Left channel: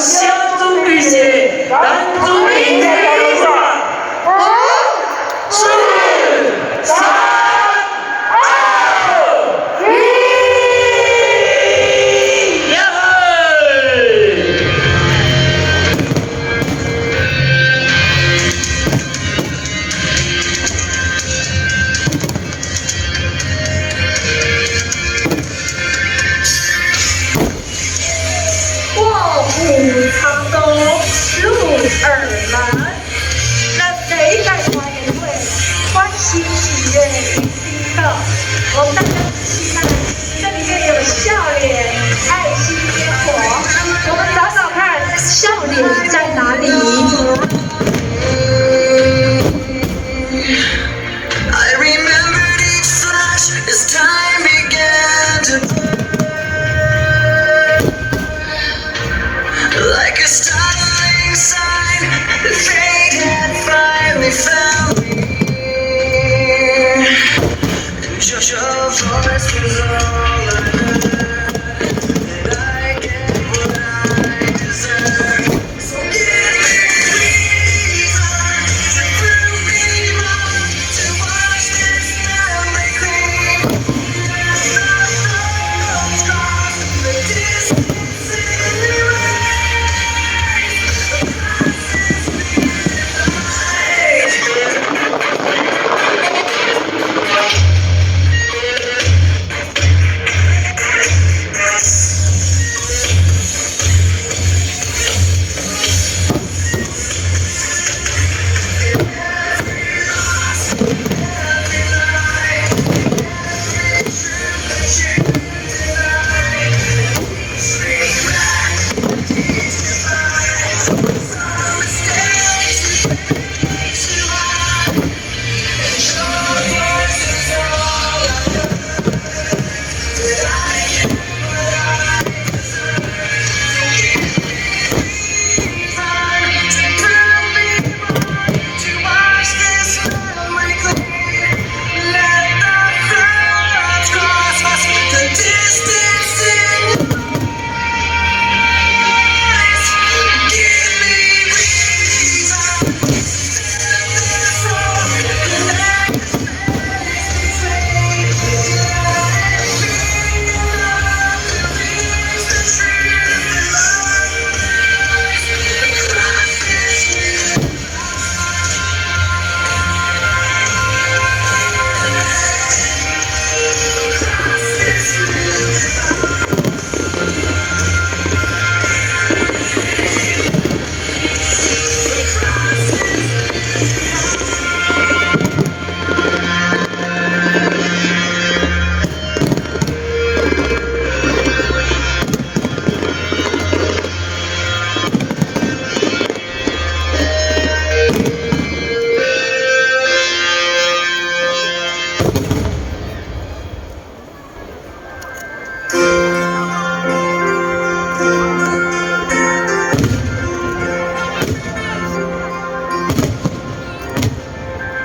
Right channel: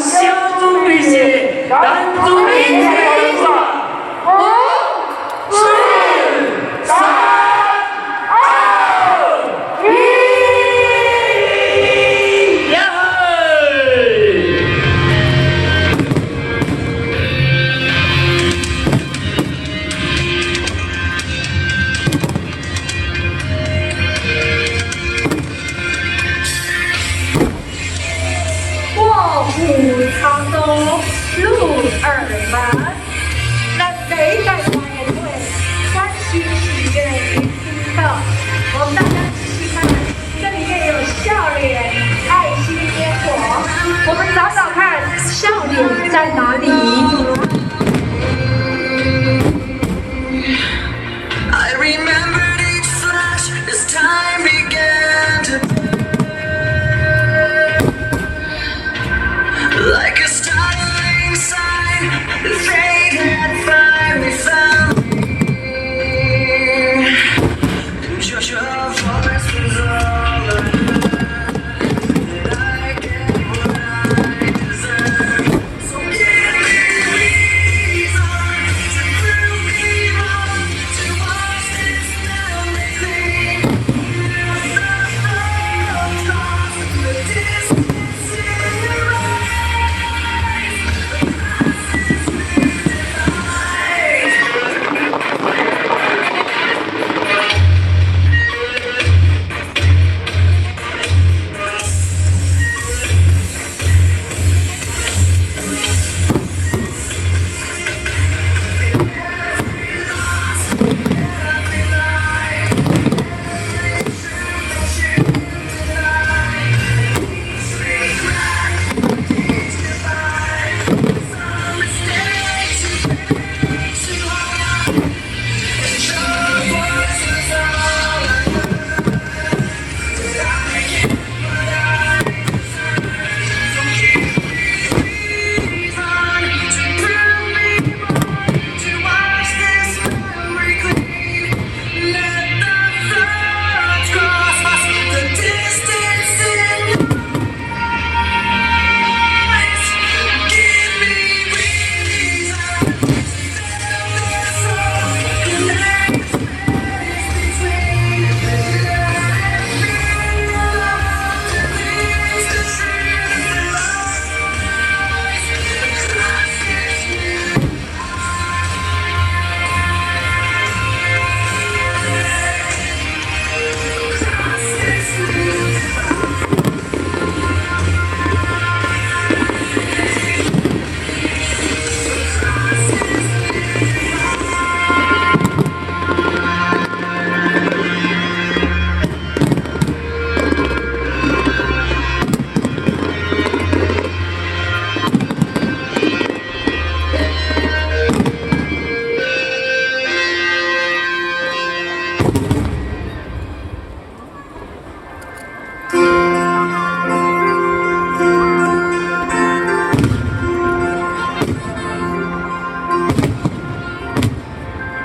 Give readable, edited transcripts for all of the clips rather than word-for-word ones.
相中并且男主领在道路上。5、4、3、2、1，卧虎藏龙，入耳难。人类在团圆会，欢喜喜悦与心跳。我们大家仔细看，这里面有笑脸、爱心烟火。我们找找看，笑脸在哪里？I remembered each flash as time began to burn. Like a startling sign, the fate had finally found me. And just your voice was all I heard. Did I get what I deserve? So give me reason to prove me wrong, to watch this memory clean. Across the distance in your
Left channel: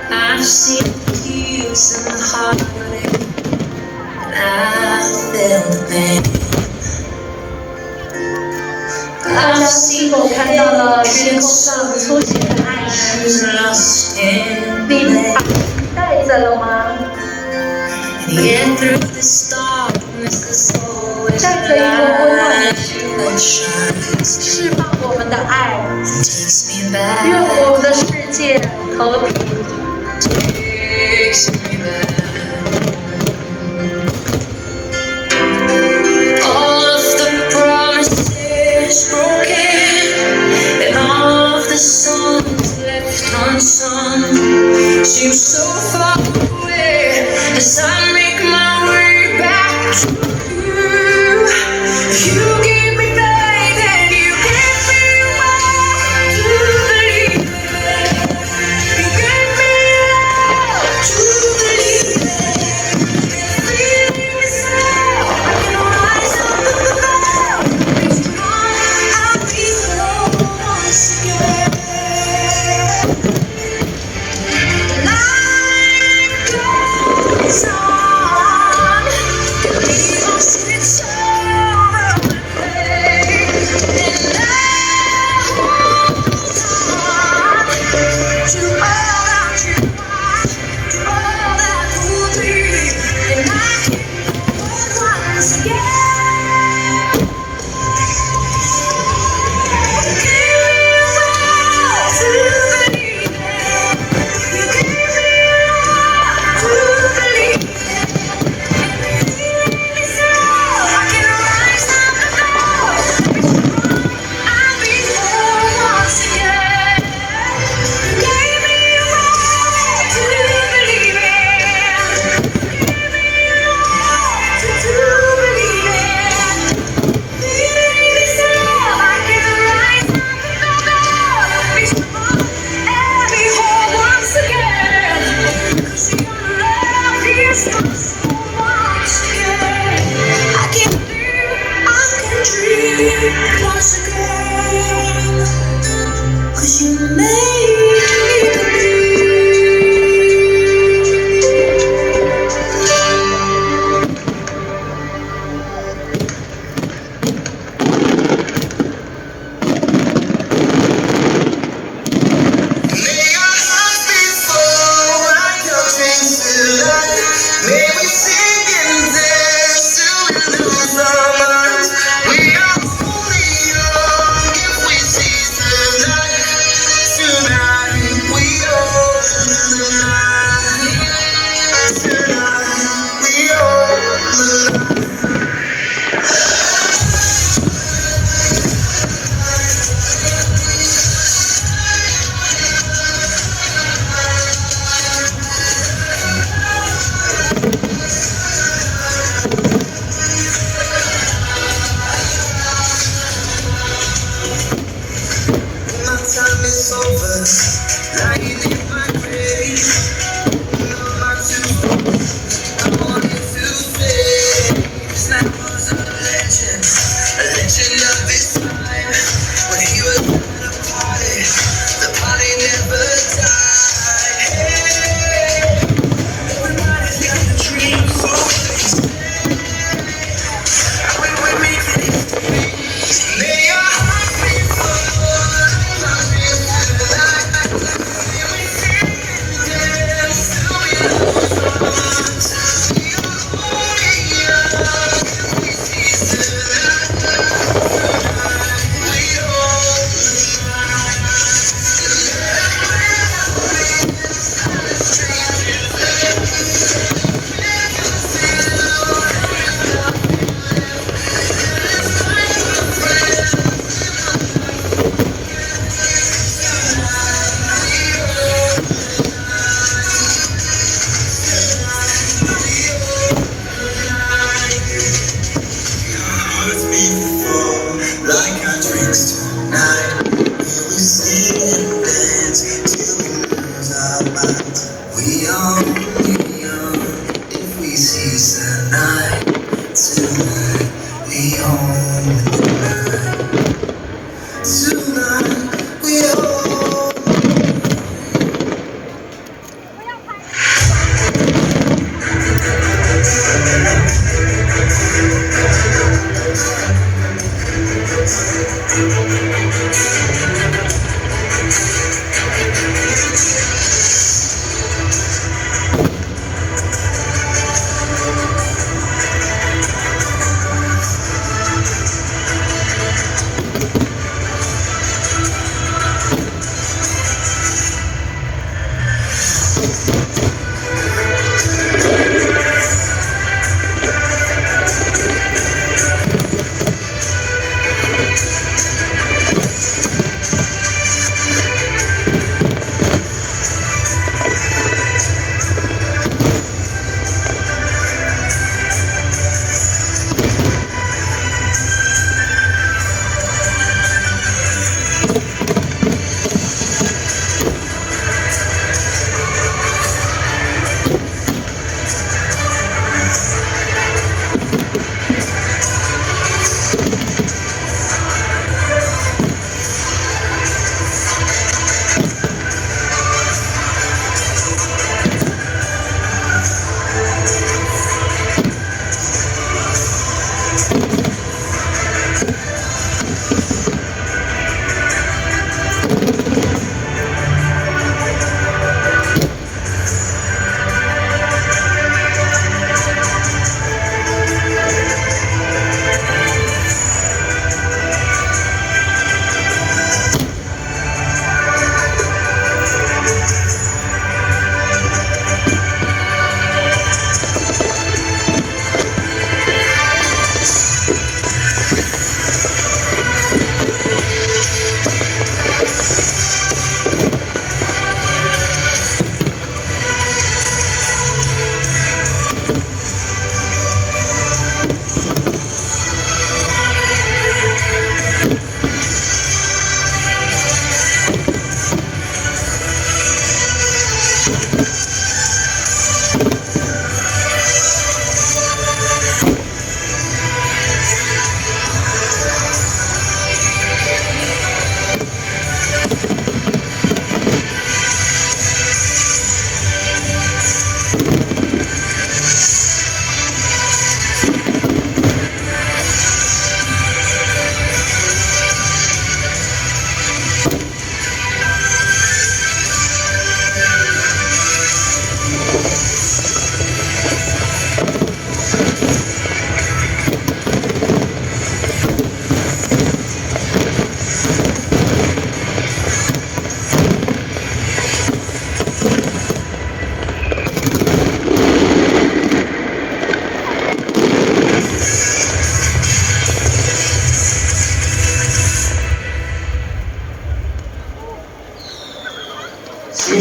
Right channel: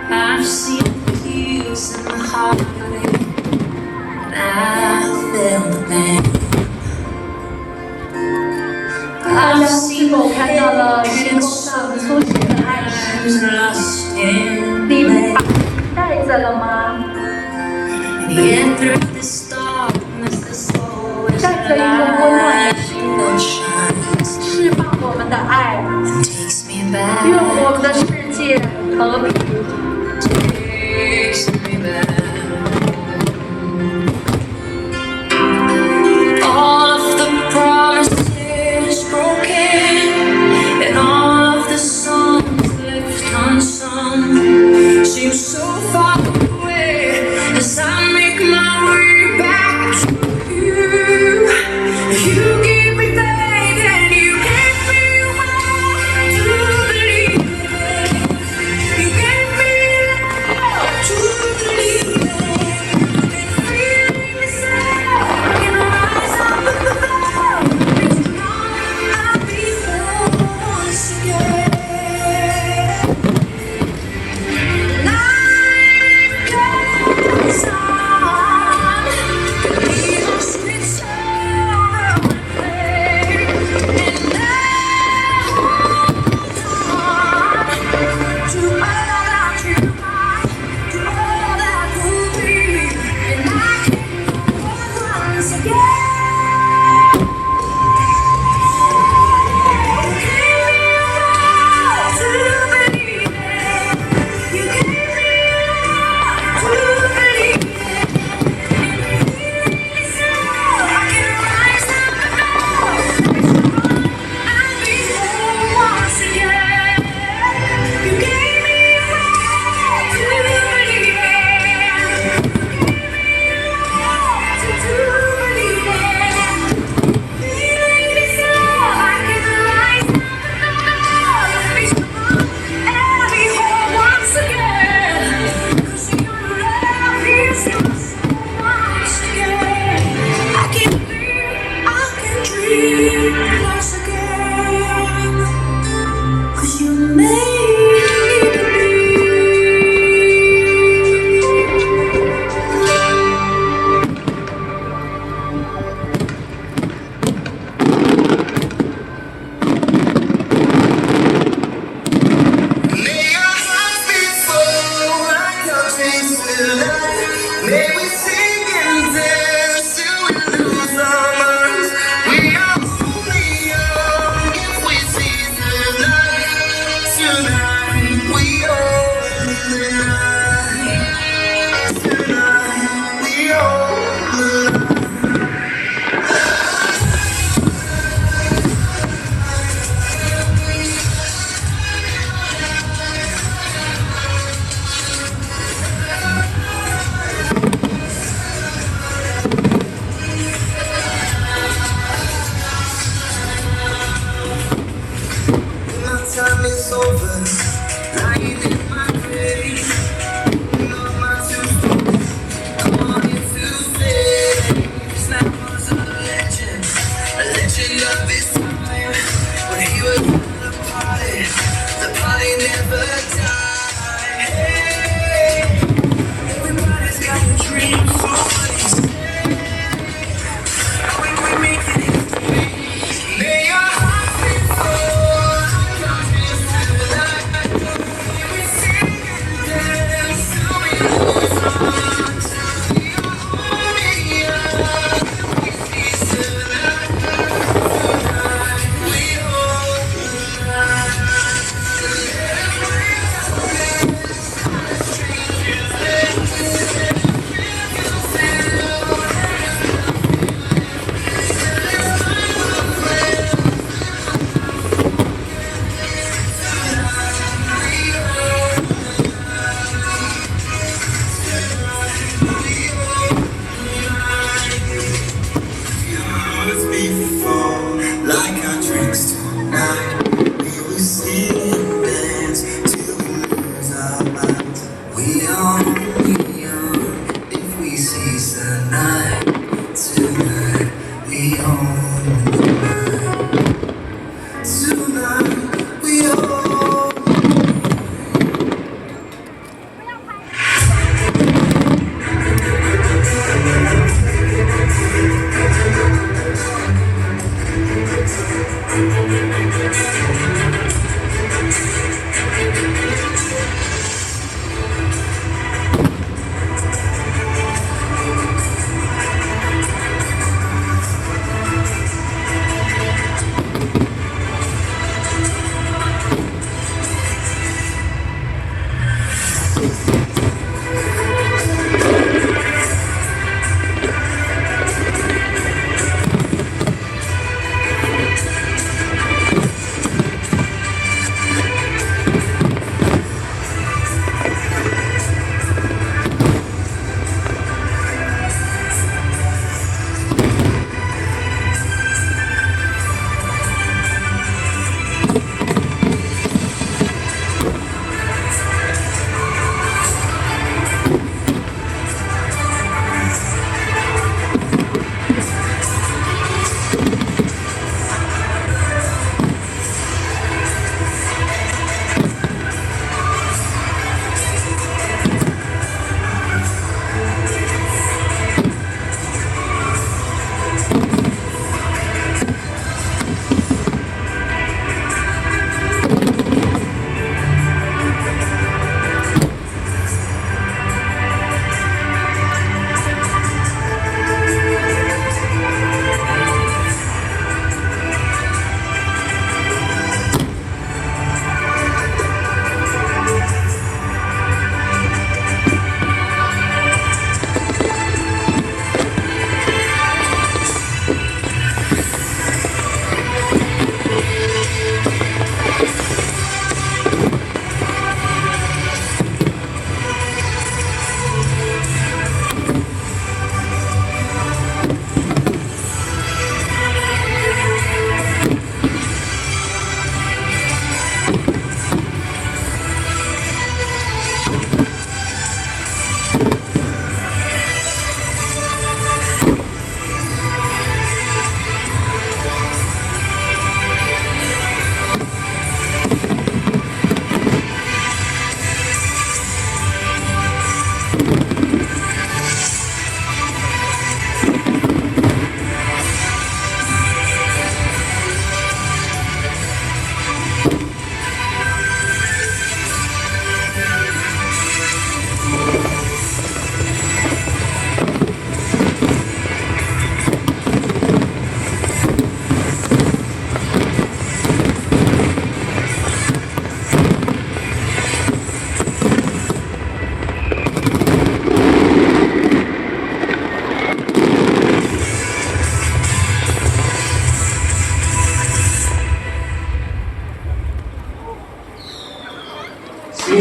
I've seen tears and heartache, and I felt the pain. 大家是否看到了天空上出现的爱心？ Lost in 你带着了吗？ Yet through this darkness, there's always 带着一个温暖 light that shines 释放我们的爱， and takes me 愿 back, 我们的世界和平。 takes me back. All of the promises broken, and all of the songs left unsung seem so far away as I make my way back to you. You give me faith and you give me will to believe. You give Tonight, tonight, we own the night. Tonight, we own.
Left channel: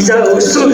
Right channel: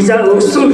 现在有数。